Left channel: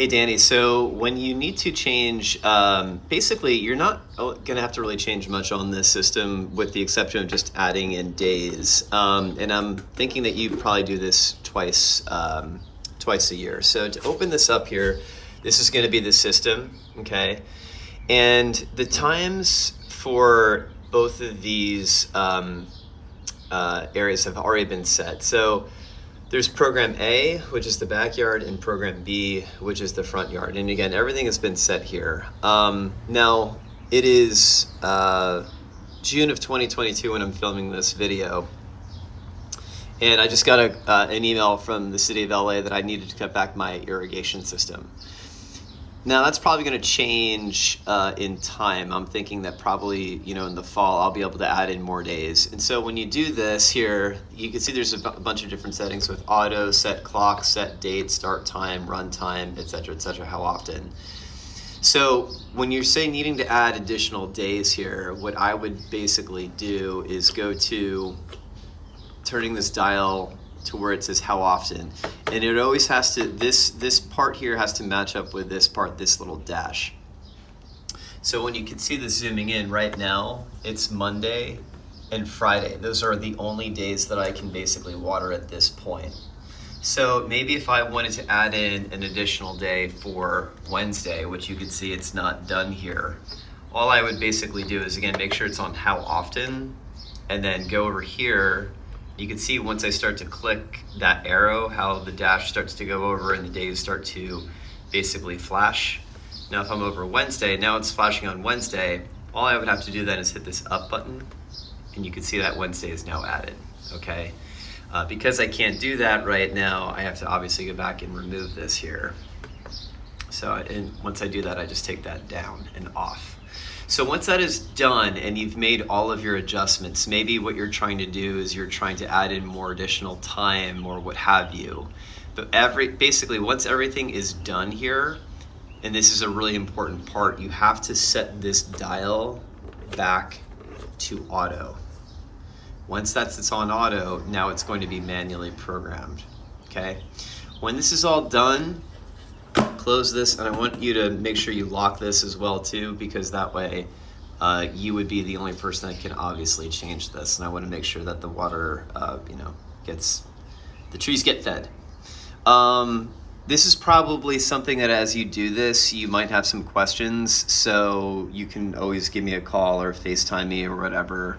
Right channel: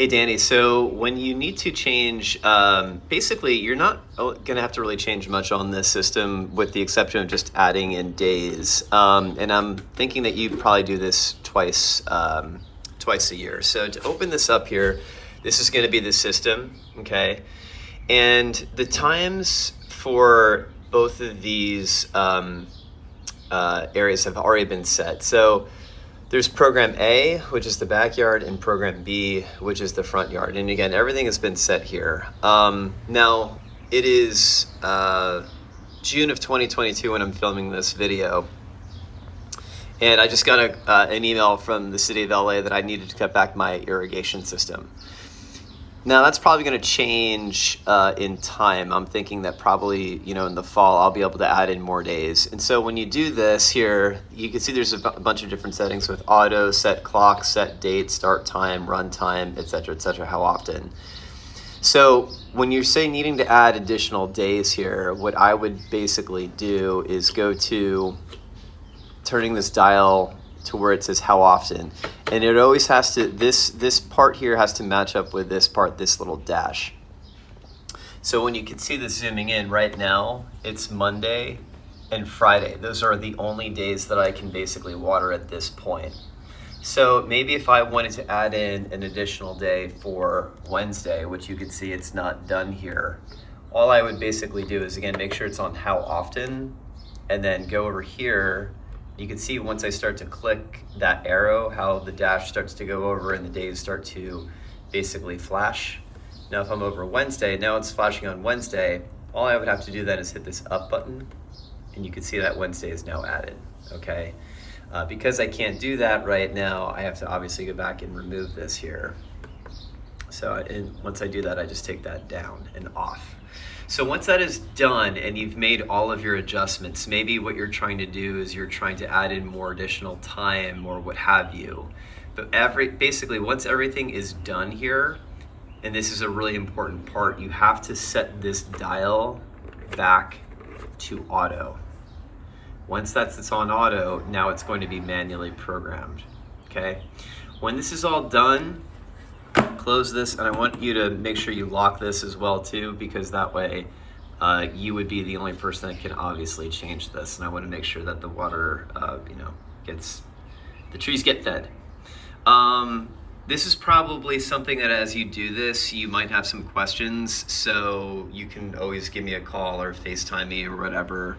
Hey Danny, so when you need to change, basically you're not gonna have to really change much on this system with the exception of just adding in days. And I'm thinking that you probably do this twice a year. So to open this up here, this is gonna be the system, okay? And the times for both of these areas have already been set. So there's program A, which is the backyard, and program B, which is the front yard. And again, everything has been set here. Now, it is June of 2022 when I'm filming this video. And I just got an email from the city of LA that I needed to cut back my irrigation system. Now that's probably going to change in time. I'm thinking that probably, in the fall, I'll be able to add in more days. And so when you do this here, you can see there's a bunch of different settings with auto, set clock, set date, start time, run time, et cetera, how often. So when you're saying needing to add additional days here, what I would basically do is go to turning this dial to where it says how often, and it always has to, this part here has to match up with this part, this little dash. So when you can see this zooming in right now, it's Monday and Friday. Those are the only days that I can basically water at this point. So maybe if I wanted to add in an additional day for Wednesday, which you can see it's not done here, all I would basically do is, again, make sure it's on how often, and then go over here. You can see once I start to click that arrow, how the dash starts to go over and the days start to basically flash. Now if I'm over Wednesday, now it's flashing on Wednesday, all I would have to do then is hit this up button, and you can see that Wednesday is now added, okay? Because I can't do that right now, I have to obviously go back and remove this here. So once I do that, I just take that down and off. So once that is done and you've made all of your adjustments, maybe what you're trying to do is you're trying to add in more additional time or what have you. But basically once everything is done here, and this is a really important part, you have to set this dial back to auto. Once it's on auto, now it's going to be manually programmed, okay? When this is all done, close this, and I want you to make sure you lock this as well too, because that way you would be the only person that can obviously change this, and I want to make sure that the water the trees get fed. This is probably something that as you do this you might have some questions, so you can always give me a call or FaceTime me or whatever,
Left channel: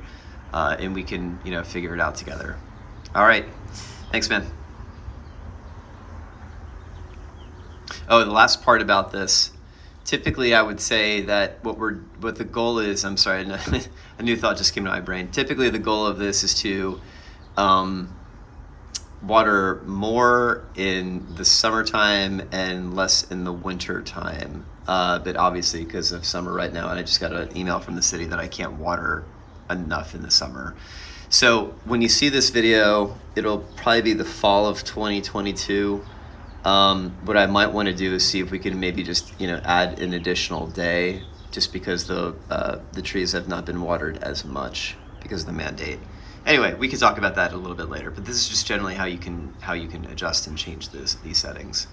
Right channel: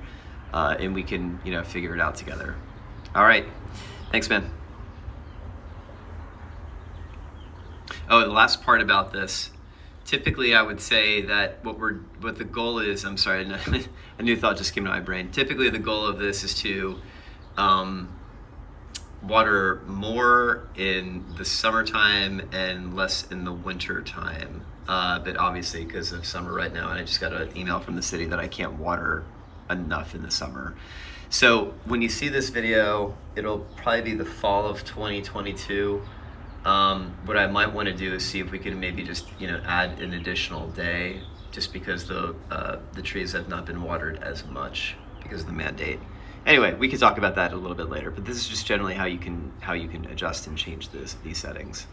and we can figure it out together. All right, thanks, man. Oh, the last part about this, typically I would say that what the goal is, I'm sorry, a new thought just came to my brain. Typically the goal of this is to water more in the summertime and less in the winter time. But obviously because of summer right now, and I just got an email from the city that I can't water enough in the summer. So when you see this video, it'll probably be the fall of 2022. What I might want to do is see if we can maybe just add an additional day, just because the trees have not been watered as much because of the mandate. Anyway, we could talk about that a little bit later, but this is just generally how you can adjust and change these settings.